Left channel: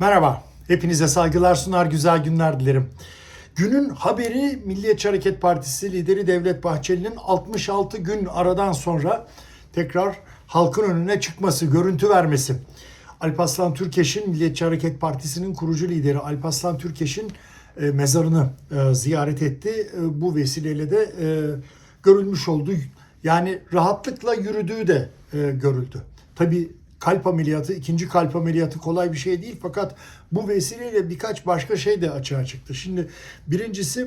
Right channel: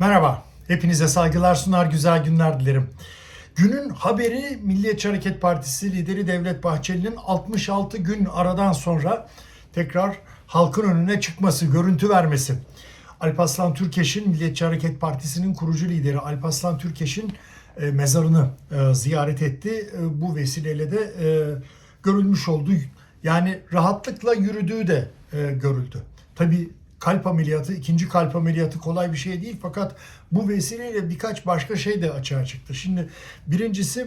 Merhaba, hepinize saygılar sunar, güzel günler dilerim. Günün haberi Milliyetçi Hareket Partisi lideri Devlet Bahçeli'nin 66 gün aradan sonra tekrar halkın önüne çıkması, görüntü vermesi. Alparslan Türkeş'in Milliyetçi Hareket Partisi'nin kurucu lideri Alparslan Türkeş'in e, mezarını e, ziyaret etti. E, bu vesileyle de görülmüş oldu. Yani rahatlıkla yürüdüğü de görüldü. Tabii kalp ameliyatı, ikinci kalp ameliyatı kolay bir şey değil fakat bu vesileyle birkaç başka şey de açığa çıktı. Şimdi birincisi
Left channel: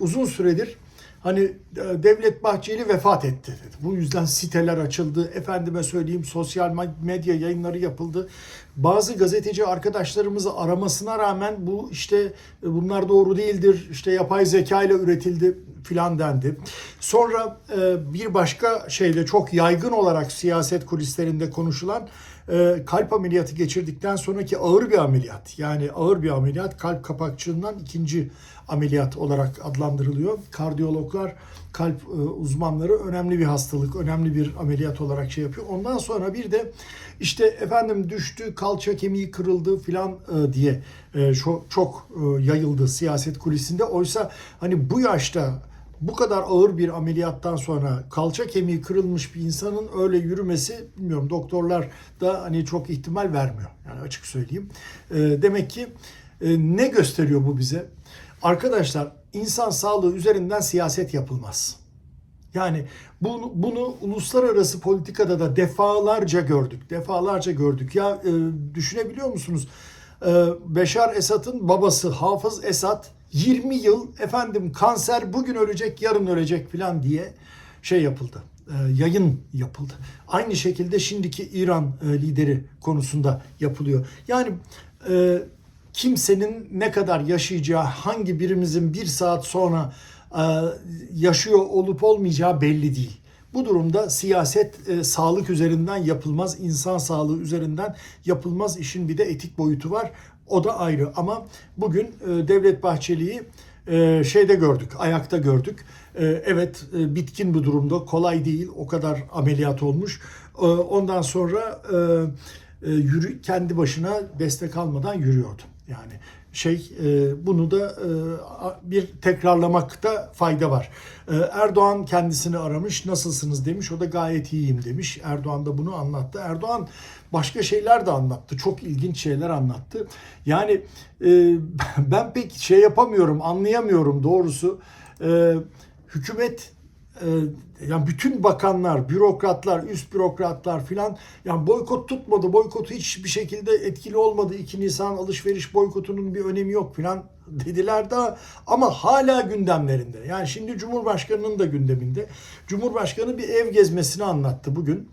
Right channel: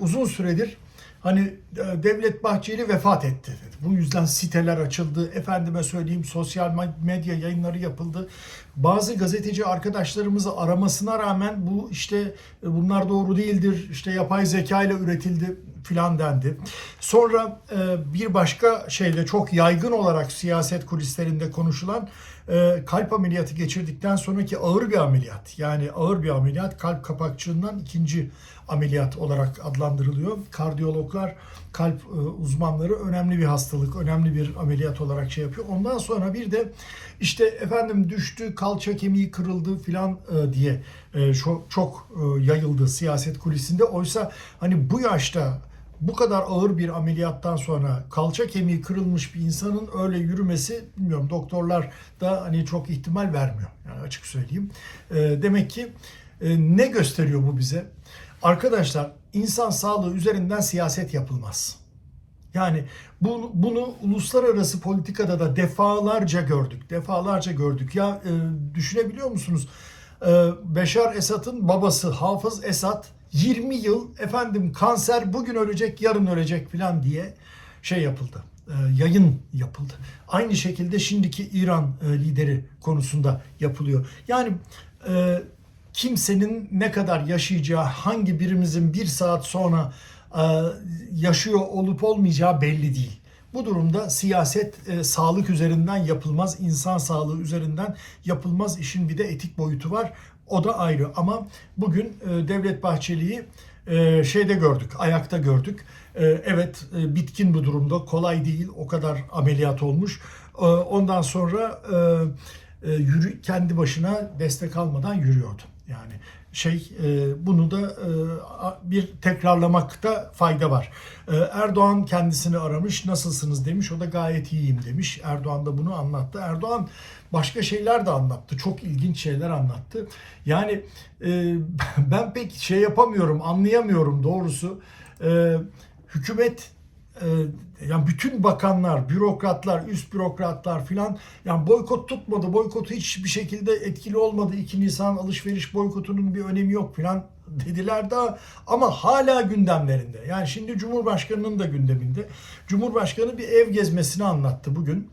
uzun süredir hani e, Devlet Bahçeli vefat etti. Bu yüzden siteler açıldı. Efendime söyleyeyim sosyal medya yayınları yapıldı. Bazı gazeteci arkadaşlarımızı aramasına rağmen bu işte e, bunlar doğru değildir. işte yapay zeka ile üretildi filan dendi. Sonra e, bir başka şeyde çok yaygın olarak siyaset kulislerinde konuşulan e, kalp ameliyatı geçirdikten sonraki ağır bir ameliyat. Yani ağır bir ameliyat kalp kapakçığından ikinci ameliyat olarak adlandırılıyor. Kardiyologlar, kalp e, uzmanları önemli bir hastalık, önemli bir ameliyat olarak şey yapıyor. Ondan sonra bir de işte efendim düştü, kalça kemiği kırıldı filan e, diye çok, yayıldı siyaset kulisinde. Oysa hani bu yaşta bu kadar ağır bir ameliyattan sonra kalça kemiği kırılmış bir insanın öyle yürümesi bilmiyorum doktorlar da hani çok ihtimal vermiyor. Yani açık söyleyeyim. E, demek ki e, ne gösteriyor bu bize? Arkadaşlar insan sağlığı üzerinden siyaset yapılmaz. Yani bunu, bunu uluslararası politikada da defalarca gördük. Defalarca gördük. Ya e, düşünebiliyor musunuz? E, Beşar Esad'ın babası Hafız Esad 20 yıl efendim kanser bugün ölecek yarın ölecek falan diye şey yapıldı. E, yayın yapıldı. Aynı şekilde şimdiki İran e, lideri konusunda yapılıyor. Yani e, kimsenin ne kadar yaşayacağı, hangi birimizin bir saat sonra yaşıyor olup olmayacağı belli değil. Bu durumda siyaset e, sağlık üzerinden yapılmaz, insan sağlığı üzerinden yapılmaz. İşin bir de etik boyutu var. O da ayrı. Ama bugün e, Devlet Bahçeli'yi e, şeyde gördük, ayakta gördük. E, evet bitkin bu durumda, kolay değil. O kadar ameliyat olmuş. Ondan sonra yürü, kendi başına destek almadan yürüyordu. Yani şey e, bunu da e, bir tekrarlamakta fayda var. E, Erdoğan kendisini aramış, nasılsınız demiş. O da gayet iyiyim demiş. Erdoğan da bunu anlattı. Erdoğan başka şeyler de anlattı. Çok ilginç şeyler anlattı. Yani ben pek şey yapamıyorum, anlayamıyorum doğrusu. Hükümet yani bütün bakanlar, bürokratlar, üst bürokratlar filan yani boykot tutmadı. Boykotu hiçbir şekilde etkili olmadı. 2 Nisan alışveriş boykotunun bir önemi yok filan dediler de ama hala gündemlerinde. Yani şimdi Cumhurbaşkanı'nın da gündeminde. Cumhurbaşkanı bir ev gezmesini anlattı bugün.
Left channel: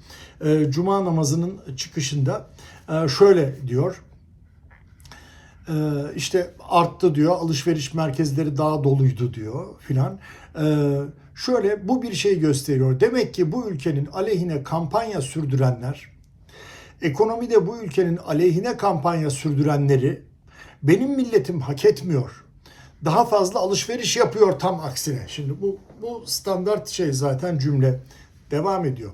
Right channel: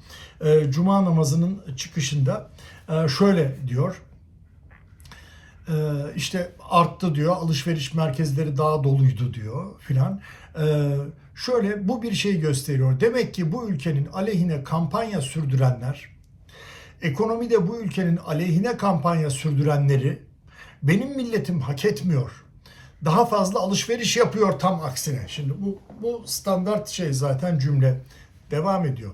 E, Cuma namazının çıkışında E, şöyle diyor. İşte arttı diyor alışveriş merkezleri daha doluydu diyor filan. Şöyle bu bir şey gösteriyor. Demek ki bu ülkenin aleyhine kampanya sürdürenler, ekonomide bu ülkenin aleyhine kampanya sürdürenleri benim milletim hak etmiyor. Daha fazla alışveriş yapıyor tam aksine. Şimdi bu bu standart şey zaten cümle devam ediyor.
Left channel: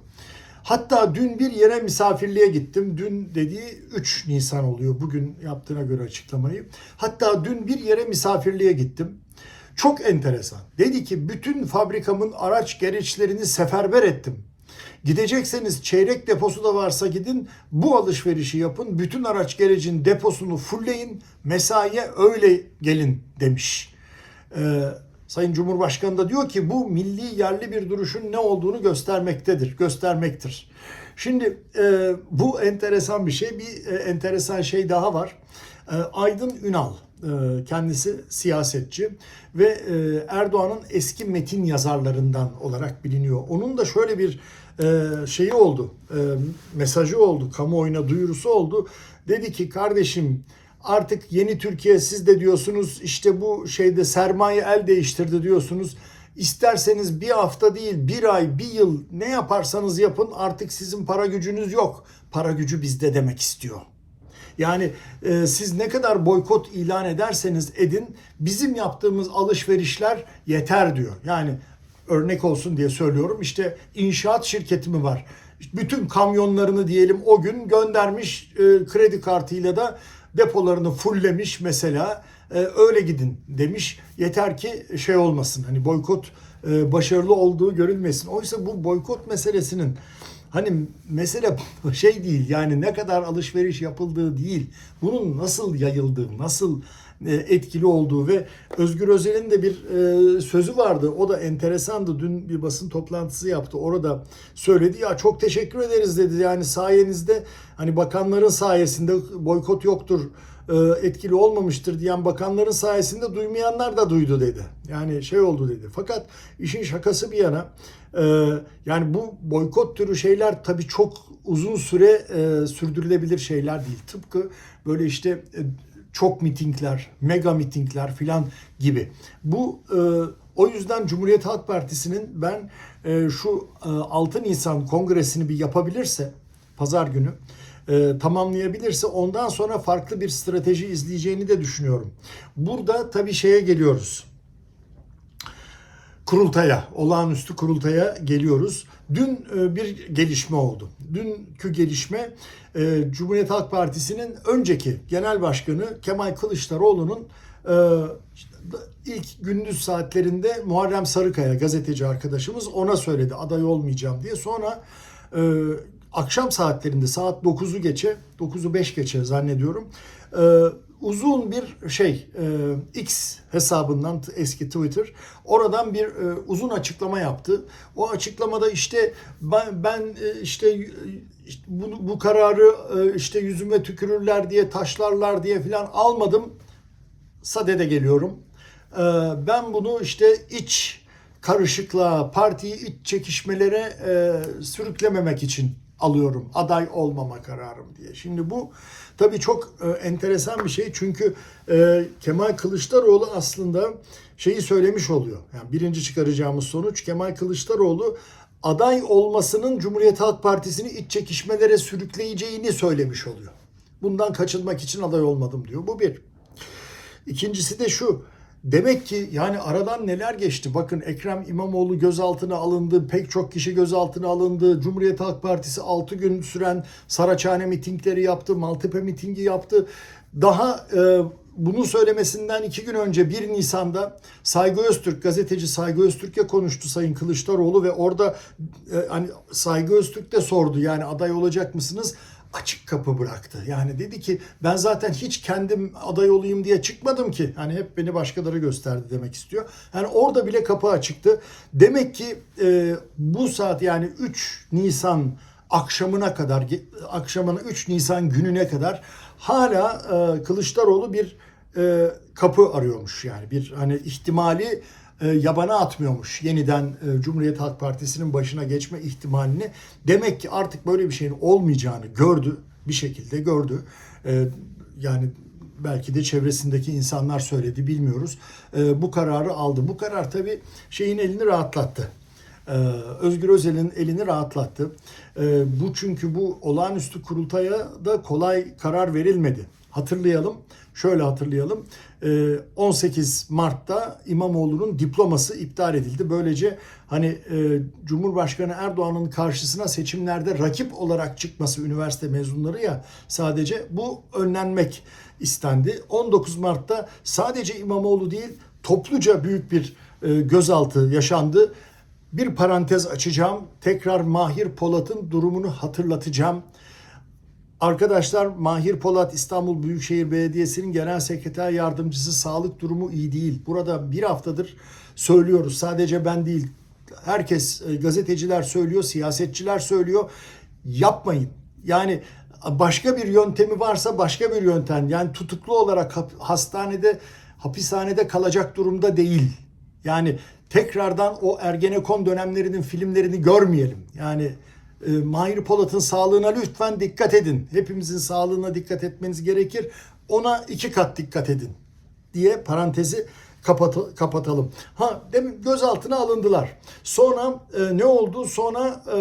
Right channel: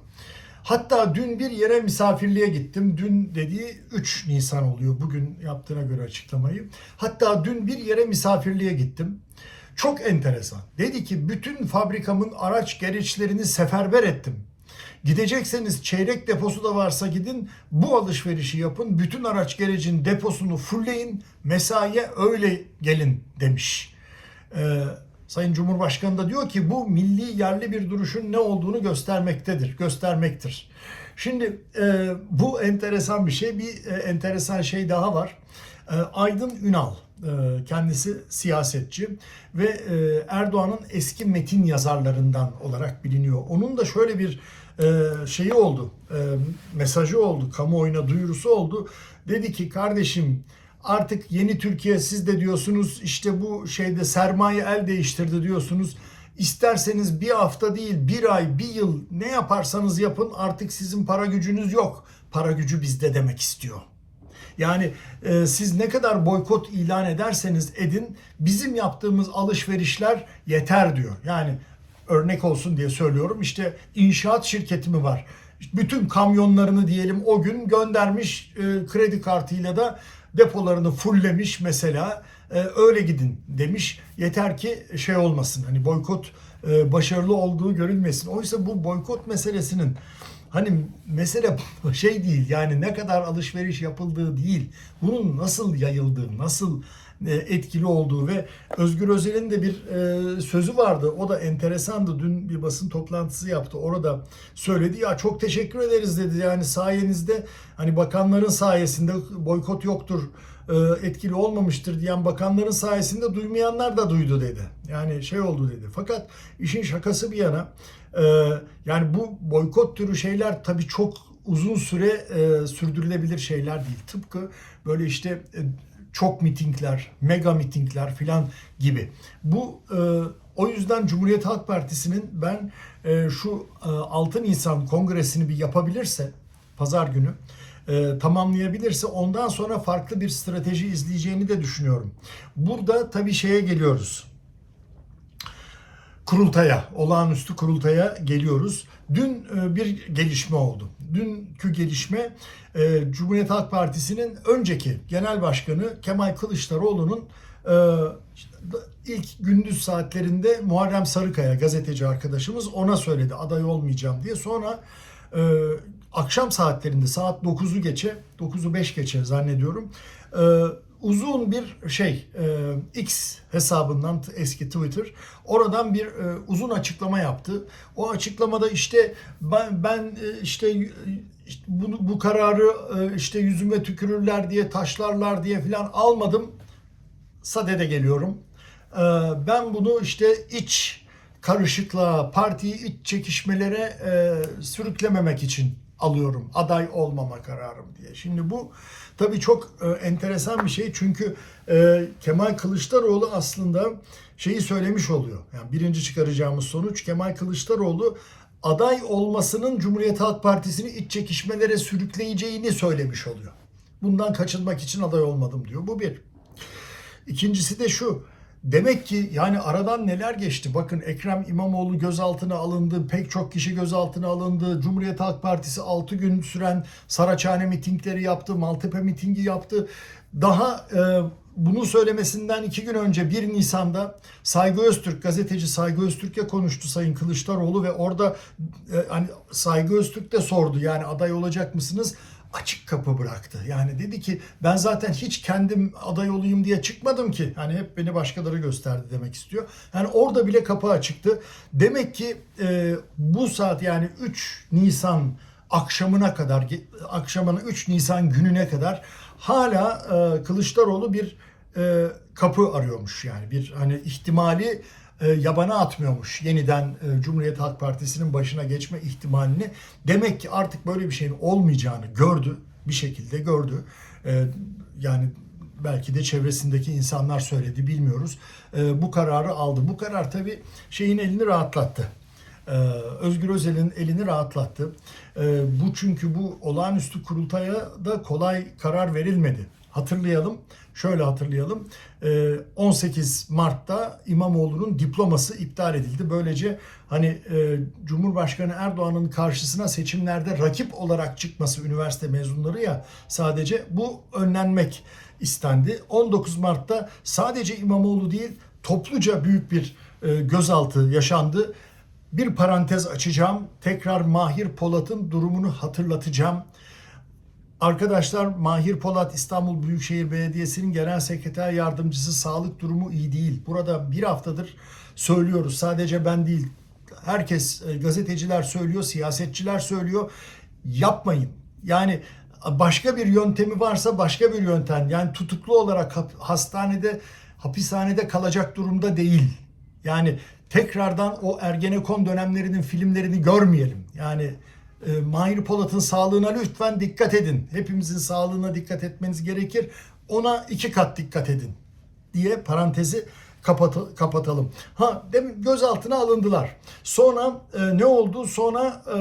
Hatta dün bir yere misafirliğe gittim. Dün dediği 3 Nisan oluyor bugün yaptığına göre açıklamayı. Hatta dün bir yere misafirliğe gittim. Çok enteresan. Dedi ki bütün fabrikamın araç gereçlerini seferber ettim. Gidecekseniz çeyrek deposu da varsa gidin bu alışverişi yapın. Bütün araç gerecin deposunu fullleyin. Mesaiye öyle gelin demiş. Ee, Sayın Cumhurbaşkanı da diyor ki bu milli yerli bir duruşun ne olduğunu göstermektedir, göstermektir. Şimdi e, bu enteresan bir şey. Bir e, enteresan şey daha var. E, Aydın Ünal e, kendisi siyasetçi ve e, Erdoğan'ın eski metin yazarlarından olarak biliniyor. Onun da şöyle bir e, şeyi oldu, e, mesajı oldu, kamuoyuna duyurusu oldu. Dedi ki kardeşim artık yeni Türkiye siz de diyorsunuz işte bu şeyde sermaye el değiştirdi diyorsunuz. İsterseniz bir hafta değil bir ay bir yıl ne yaparsanız yapın artık sizin para gücünüz yok. Para gücü bizde demek istiyor. Yani e, siz ne kadar boykot ilan ederseniz edin bizim yaptığımız alışverişler yeter diyor. Yani örnek olsun diye söylüyorum işte inşaat şirketi mi var? Bütün kamyonlarını diyelim o gün göndermiş e, kredi kartıyla da depolarını fulllemiş mesela öyle gidin demiş. Yeter ki şey olmasın hani boykot e, başarılı olduğu görülmesin. Oysa bu boykot meselesinin hani mesele şey değil yani ne kadar alışveriş yapıldığı değil. Bunun nasıl yayıldığı, nasıl e, etkili olduğu ve Özgür Özel'in de bir e, sözü vardı. O da enteresandı. Dün bir basın toplantısı yaptı. Orada söyledi ya çok teşekkür ederiz dedi. Yani sayenizde hani bakanların sayesinde boykot yoktur e, etkili olmamıştır diyen bakanların sayesinde duymayanlar da duydu dedi. Yani şey oldu dedi. Fakat işin şakası bir yana e, yani bu boykot türü şeyler tabii çok uzun süre e, sürdürülebilir şeyler değil. Tıpkı böyle işte e, çok mitingler, mega mitingler filan gibi. Bu e, o yüzden Cumhuriyet Halk Partisi'nin ben e, şu e, 6 Nisan kongresini bir yapabilirse pazar günü e, tamamlayabilirse ondan sonra farklı bir strateji izleyeceğini de düşünüyorum. Burada tabii şeye geliyoruz. Kurultaya, olağanüstü kurultaya geliyoruz. Dün e, bir gelişme oldu. Dünkü gelişme e, Cumhuriyet Halk Partisi'nin önceki genel başkanı Kemal Kılıçdaroğlu'nun e, ilk gündüz saatlerinde Muharrem Sarıkaya gazeteci arkadaşımız ona söyledi aday olmayacağım diye. Sonra e, akşam saatlerinde saat 9'u geçe 9'u 5 geçe zannediyorum e, uzun bir şey e, X hesabından eski Twitter oradan bir e, uzun açıklama yaptı. O açıklamada işte ben, ben e, işte bu, bu kararı e, işte yüzüme tükürürler diye taşlarlar diye filan almadım. Sadede geliyorum. E, ben bunu işte iç karışıklığa, partiyi iç çekişmelere e, sürüklememek için alıyorum. Aday olmama kararım diye. Şimdi bu tabii çok e, enteresan bir şey. Çünkü e, Kemal Kılıçdaroğlu aslında şeyi söylemiş oluyor. Yani birinci çıkaracağımız sonuç Kemal Kılıçdaroğlu aday olmasının Cumhuriyet Halk Partisi'ni iç çekişmelere sürükleyeceğini söylemiş oluyor. Bundan kaçınmak için aday olmadım diyor. Bu bir. İkincisi de şu. Demek ki yani aradan neler geçti? Bakın Ekrem İmamoğlu gözaltına alındı, pek çok kişi gözaltına alındı. Cumhuriyet Halk Partisi 6 gün süren Saraçhane mitingleri yaptı, Maltepe mitingi yaptı. Daha e, bunu söylemesinden iki gün önce 1 Nisan'da Saygı Öztürk, gazeteci Saygı Öztürk'e konuştu Sayın Kılıçdaroğlu ve orada e, hani Saygı Öztürk de sordu yani aday olacak mısınız? Açık kapı bıraktı. Yani dedi ki ben zaten hiç kendim aday olayım diye çıkmadım ki. Hani hep beni başkaları gösterdi demek istiyor. Yani orada bile kapı açıktı. Demek ki e, bu saat yani 3 Nisan akşamına kadar akşamına 3 Nisan gününe kadar hala e, Kılıçdaroğlu bir e, kapı arıyormuş yani bir hani ihtimali yabana atmıyormuş yeniden e, Cumhuriyet Halk Partisi'nin başına geçme ihtimalini. Demek ki artık böyle bir şeyin olmayacağını gördü bir şekilde gördü. E, yani belki de çevresindeki insanlar söyledi bilmiyoruz. Bu kararı aldı. Bu karar tabii şeyin elini rahatlattı. Özgür Özel'in elini rahatlattı. Bu çünkü bu olağanüstü kurultaya da kolay karar verilmedi. Hatırlayalım Şöyle hatırlayalım. 18 ee, Mart'ta İmamoğlu'nun diploması iptal edildi. Böylece hani e, Cumhurbaşkanı Erdoğan'ın karşısına seçimlerde rakip olarak çıkması üniversite mezunları ya sadece bu önlenmek istendi. 19 Mart'ta sadece İmamoğlu değil topluca büyük bir e, gözaltı yaşandı. Bir parantez açacağım. Tekrar Mahir Polat'ın durumunu hatırlatacağım. Arkadaşlar Mahir Polat İstanbul Büyükşehir Belediyesi'nin genel sekreter yardımcısı sağlık durumu iyi değil. Burada bir haftadır söylüyoruz. Sadece ben değil. Herkes e, gazeteciler söylüyor, siyasetçiler söylüyor. Yapmayın. Yani başka bir yöntemi varsa başka bir yöntem. Yani tutuklu olarak hastanede, hapishanede kalacak durumda değil. Yani tekrardan o Ergenekon dönemlerinin filmlerini görmeyelim. Yani e, Mahir Polat'ın sağlığına lütfen dikkat edin. Hepimizin sağlığına dikkat etmeniz gerekir. Ona iki kat dikkat edin diye parantezi kapat kapatalım. Ha demin gözaltına alındılar. Sonra e, ne oldu? Sonra e,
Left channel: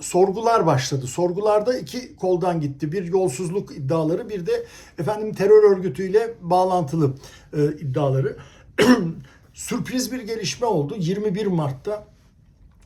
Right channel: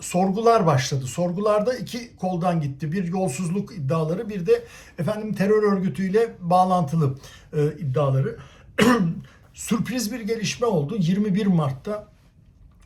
sorgular başladı. Sorgularda iki koldan gitti. Bir yolsuzluk iddiaları, bir de efendim terör örgütüyle bağlantılı e, iddiaları. Sürpriz bir gelişme oldu. 21 Mart'ta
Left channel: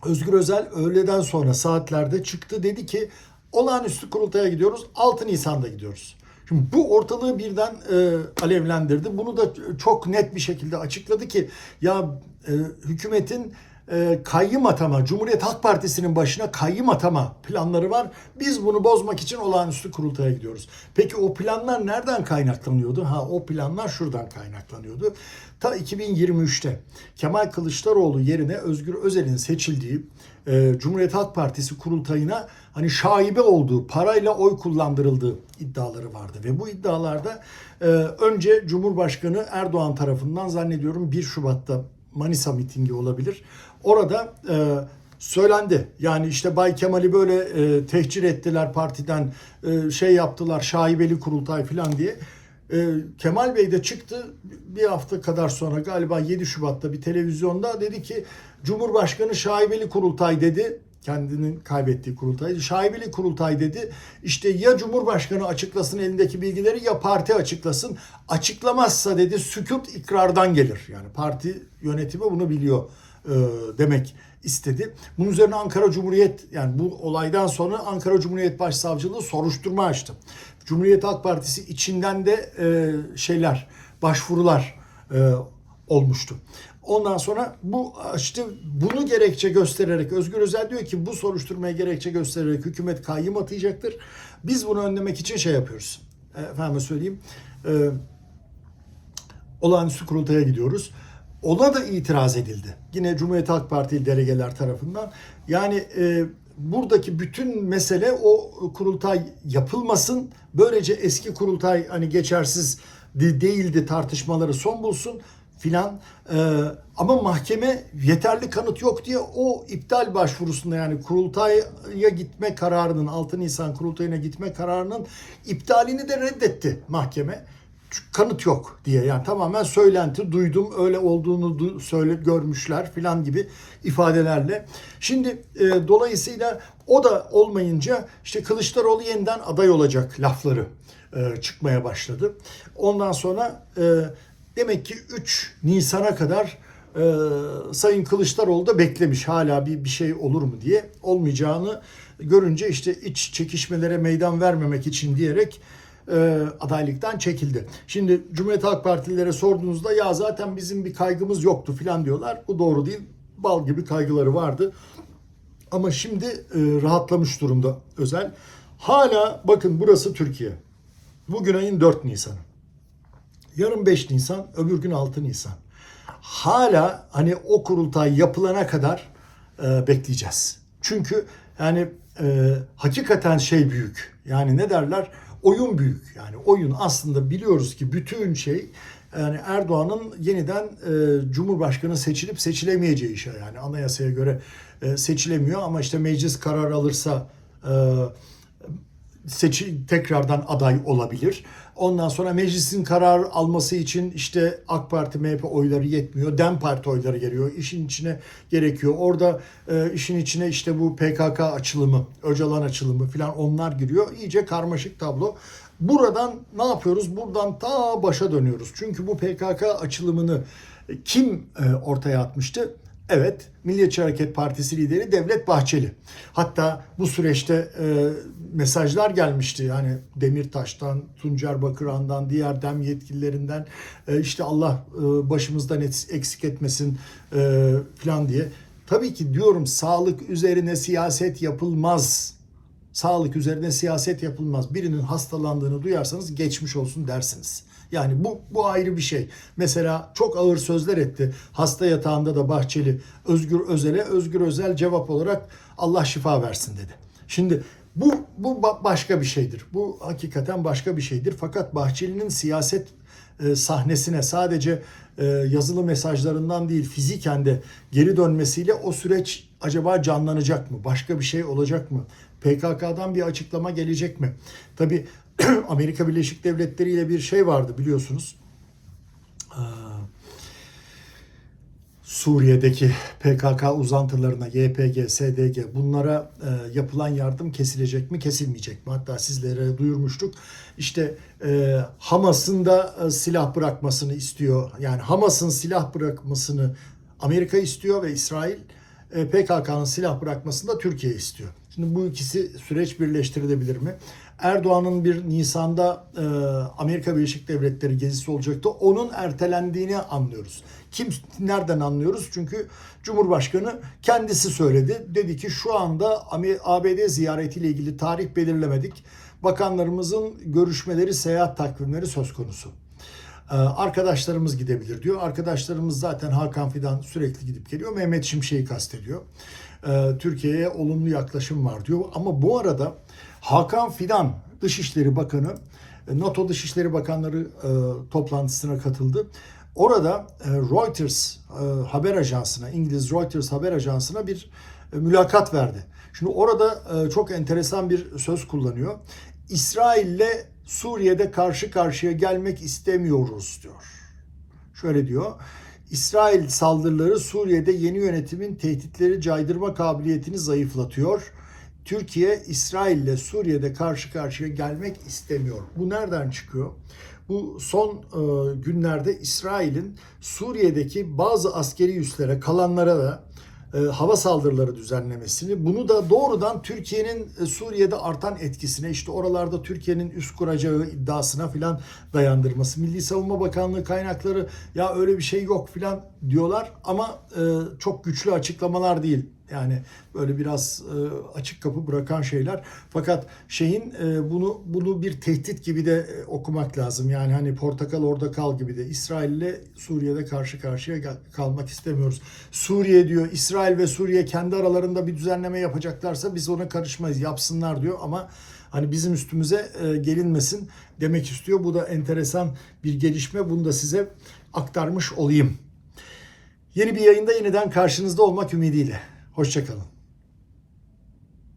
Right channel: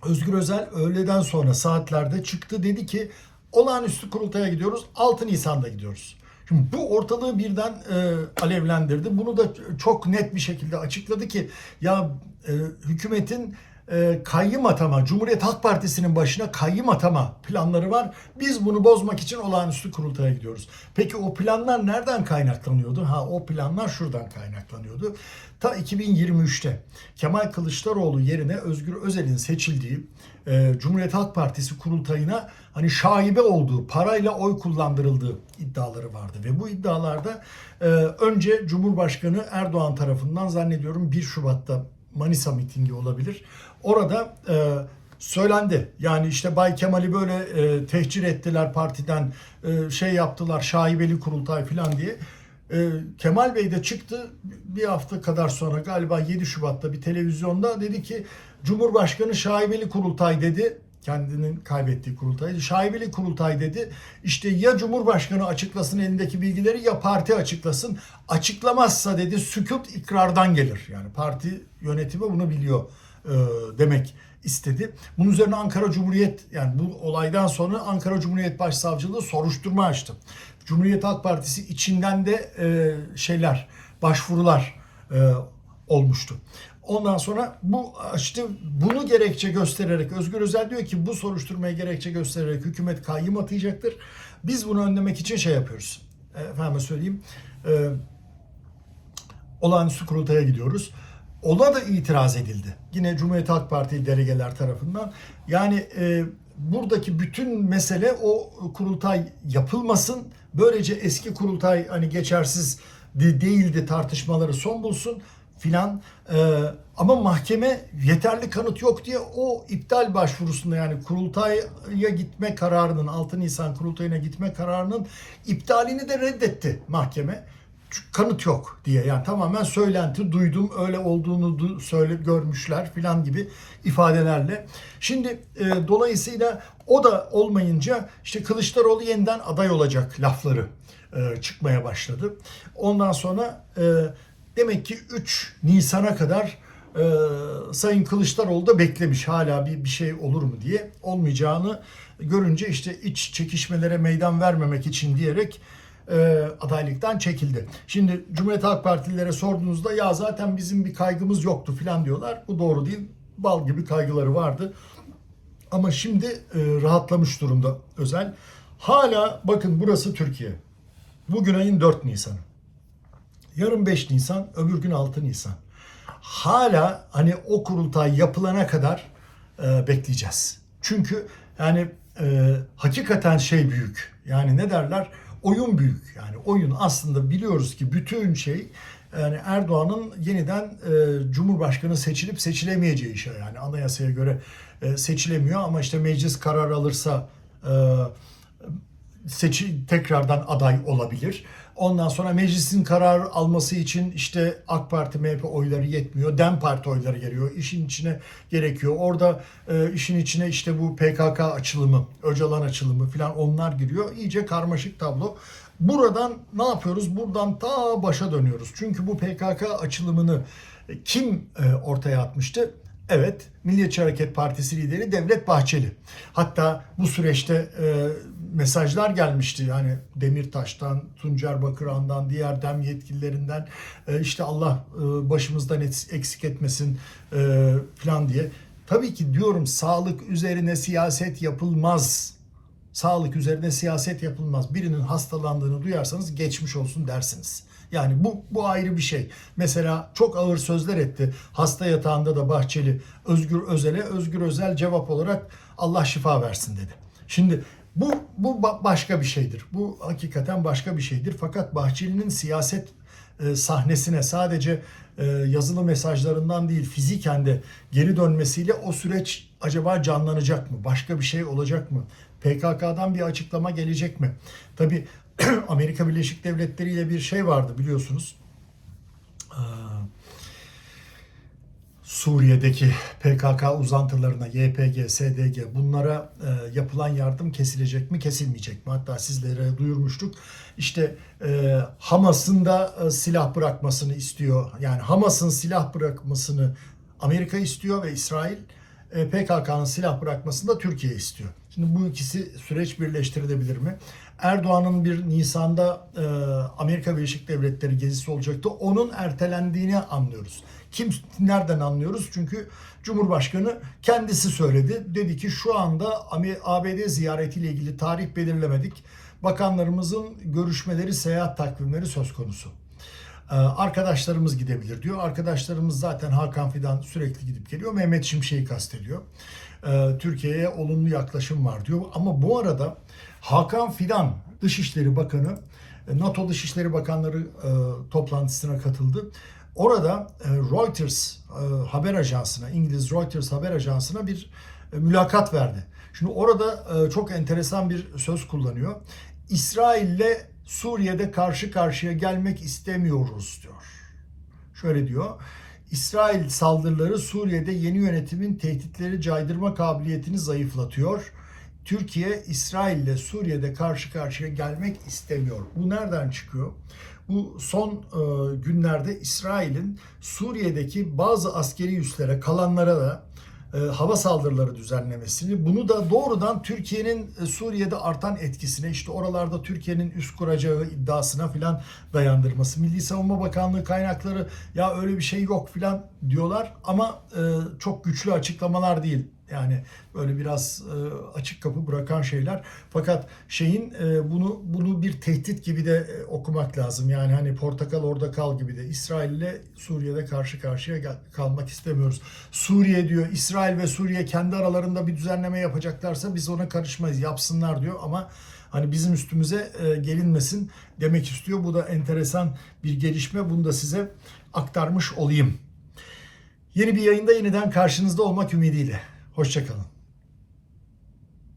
Özgür Özel öğleden sonra saatlerde çıktı dedi ki olağanüstü kurultaya gidiyoruz 6 Nisan'da gidiyoruz. Şimdi bu ortalığı birden e, alevlendirdi. Bunu da çok net bir şekilde açıkladı ki ya e, hükümetin e, kayyım atama, Cumhuriyet Halk Partisi'nin başına kayyım atama planları var. Biz bunu bozmak için olağanüstü kurultaya gidiyoruz. Peki o planlar nereden kaynaklanıyordu? Ha o planlar şuradan kaynaklanıyordu. Ta 2023'te Kemal Kılıçdaroğlu yerine Özgür Özel'in seçildiği e, Cumhuriyet Halk Partisi kurultayına hani şaibe olduğu, parayla oy kullandırıldığı iddiaları vardı. Ve bu iddialarda e, önce Cumhurbaşkanı Erdoğan tarafından zannediyorum 1 Şubat'ta Manisa mitingi olabilir. Orada e, söylendi. Yani işte Bay Kemal'i böyle e, tehcir ettiler partiden, e, şey yaptılar, şaibeli kurultay falan diye. E, Kemal Bey de çıktı bir hafta kadar sonra galiba 7 Şubat'ta bir televizyonda dedi ki Cumhurbaşkanı şaibeli kurultay dedi. Kendinin kaybettiği kurultay. Şaibeli kurultay dedi. İşte ya Cumhurbaşkanı açıklasın elindeki bilgileri ya parti açıklasın. Açıklamazsa dedi sükut ikrardan gelir. Yani parti yönetimi bunu biliyor e, demek istedi. Bunun üzerine Ankara Cumhuriyet yani bu olaydan sonra Ankara Cumhuriyet Başsavcılığı soruşturma açtı. Cumhuriyet Halk Partisi içinden de e, şeyler, başvurular e, olmuştu. Ondan sonra bu işte bunu gerekçe göstererek Özgür Özel diyor ki bu soruşturmaya gerekçe göstererek hükümet kayyım atayacaktır. Biz bunu önlemek için şey yapıyoruz. Efendim söyleyeyim. E, olağanüstü kurultaya gidiyoruz. Ona da itiraz edildi. Yine Cumhuriyet Halk Partili delegeler tarafından. Yani e, buradaki bütün mesele o kurultay yapılmasın. Böylece eski kurultay hani geçersiz de- değildi tartışmaları son bulsun filan. E, ama mahkeme yeterli kanıt yok diye o iptal başvurusunda yani kurultaya gitme kararının 6 Nisan kurultayına gitme kararının iptalini de reddetti mahkeme kanıt yok diye yani tamamen söylenti duydum öyle olduğunu du- söyle görmüşler filan gibi ifadelerle. Şimdi e, dolayısıyla o da olmayınca işte Kılıçdaroğlu yeniden aday olacak lafları e, çıkmaya başladı. Ondan sonra e, demek ki 3 Nisan'a kadar e, Sayın Kılıçdaroğlu da beklemiş hala bir bir şey olur mu diye olmayacağını görünce işte iç çekişmelere meydan vermemek için diyerek e, adaylıktan çekildi. Şimdi Cumhuriyet Halk Partililere sorduğunuzda ya zaten bizim bir kaygımız yoktu falan diyorlar. Bu doğru değil. Bal gibi kaygıları vardı. Ama şimdi e, rahatlamış durumda özel. Hala bakın burası Türkiye. Bugün ayın 4 Nisan'ı. Yarın 5 Nisan, öbür gün 6 Nisan. Hala hani o kurultay yapılana kadar e, bekleyeceğiz. Çünkü yani e, hakikaten şey büyük. Yani ne derler? Oyun büyük. Yani oyun aslında biliyoruz ki bütün şey yani Erdoğan'ın yeniden e, Cumhurbaşkanı seçilip seçilemeyeceği şey. Yani anayasaya göre e, seçilemiyor ama işte meclis karar alırsa e, seçi tekrardan aday olabilir. Ondan sonra meclisin karar alması için işte AK Parti, MHP oyları yetmiyor. DEM Parti oyları geliyor. İşin içine gerekiyor. Orada e, işin içine işte bu PKK açılımı, Öcalan açılımı falan onlar giriyor. İyice karmaşık tablo. Buradan ne yapıyoruz? Buradan ta başa dönüyoruz. Çünkü bu PKK açılımını kim e, ortaya atmıştı? Evet, Milliyetçi Hareket Partisi lideri Devlet Bahçeli. Hatta bu süreçte e, mesajlar gelmişti. Yani Demirtaş'tan, Tuncer Bakıran'dan, diğer dem yetkililerinden e, işte Allah e, başımızdan eksik etmesin e, falan diye. Tabii ki diyorum sağlık üzerine siyaset yapılmaz. Sağlık üzerine siyaset yapılmaz. Birinin hastalandığını duyarsanız geçmiş olsun dersiniz. Yani bu bu ayrı bir şey. Mesela çok ağır sözler etti. Hasta yatağında da Bahçeli Özgür Özel'e Özgür Özel cevap olarak Allah şifa versin dedi. Şimdi bu bu ba- başka bir şeydir. Bu hakikaten başka bir şeydir. Fakat Bahçeli'nin siyaset e, sahnesine sadece e, yazılı mesajlarından değil fiziken de geri dönmesiyle o süreç acaba canlanacak mı? Başka bir şey olacak mı? PKK'dan bir açıklama gelecek mi? Tabi Amerika Birleşik Devletleri ile bir şey vardı biliyorsunuz. Ee, Suriye'deki PKK uzantılarına, YPG, SDG bunlara e, yapılan yardım kesilecek mi, kesilmeyecek mi? Hatta sizlere duyurmuştuk. İşte e, Hamas'ın da e, silah bırakmasını istiyor. Yani Hamas'ın silah bırakmasını Amerika istiyor ve İsrail e, PKK'nın silah bırakmasını da Türkiye istiyor. Şimdi bu ikisi süreç birleştirilebilir mi? Erdoğan'ın bir Nisan'da e, Amerika Birleşik Devletleri gezisi olacaktı. Onun ertelendiğini anlıyoruz. Kim nereden anlıyoruz? Çünkü Cumhurbaşkanı kendisi söyledi. Dedi ki şu anda ABD ziyaretiyle ilgili tarih belirlemedik. Bakanlarımızın görüşmeleri, seyahat takvimleri söz konusu. Ee, Arkadaşlarımız gidebilir diyor. Arkadaşlarımız zaten Hakan Fidan sürekli gidip geliyor. Mehmet Şimşek'i kastediyor. Ee, Türkiye'ye olumlu yaklaşım var diyor. Ama bu arada Hakan Fidan Dışişleri Bakanı e, NATO Dışişleri Bakanları e, toplantısına katıldı. Orada e, Reuters haber ajansına, İngiliz Reuters haber ajansına bir mülakat verdi. Şimdi orada çok enteresan bir söz kullanıyor. İsrail'le Suriye'de karşı karşıya gelmek istemiyoruz diyor. Şöyle diyor. İsrail saldırıları Suriye'de yeni yönetimin tehditleri caydırma kabiliyetini zayıflatıyor. Türkiye İsrail ile Suriye'de karşı karşıya gelmek istemiyor. Bu nereden çıkıyor? Bu son e, günlerde İsrail'in Suriye'deki bazı askeri üslere kalanlara da e, hava saldırıları düzenlemesini bunu da doğrudan Türkiye'nin e, Suriye'de artan etkisine işte oralarda Türkiye'nin üst kuracağı iddiasına filan dayandırması. Milli Savunma Bakanlığı kaynakları ya öyle bir şey yok filan diyorlar ama e, çok güçlü açıklamalar değil. Yani böyle biraz e, açık kapı bırakan şeyler. Fakat şeyin e, bunu bunu bir tehdit gibi de e, okumak lazım. Yani hani portakal orada kal gibi de İsrail ile Suriye'de karşı karşıya gel- kalmak istemiyoruz. Suriye diyor İsrail ve Suriye kendi aralarında bir düzenleme yapacaklarsa biz ona karışmayız. Yapsınlar diyor ama hani bizim üstümüze e, gelinmesin demek istiyor. Bu da enteresan bir gelişme. Bunu da size aktarmış olayım. Yeni bir yayında yeniden karşınızda olmak ümidiyle. Hoşçakalın.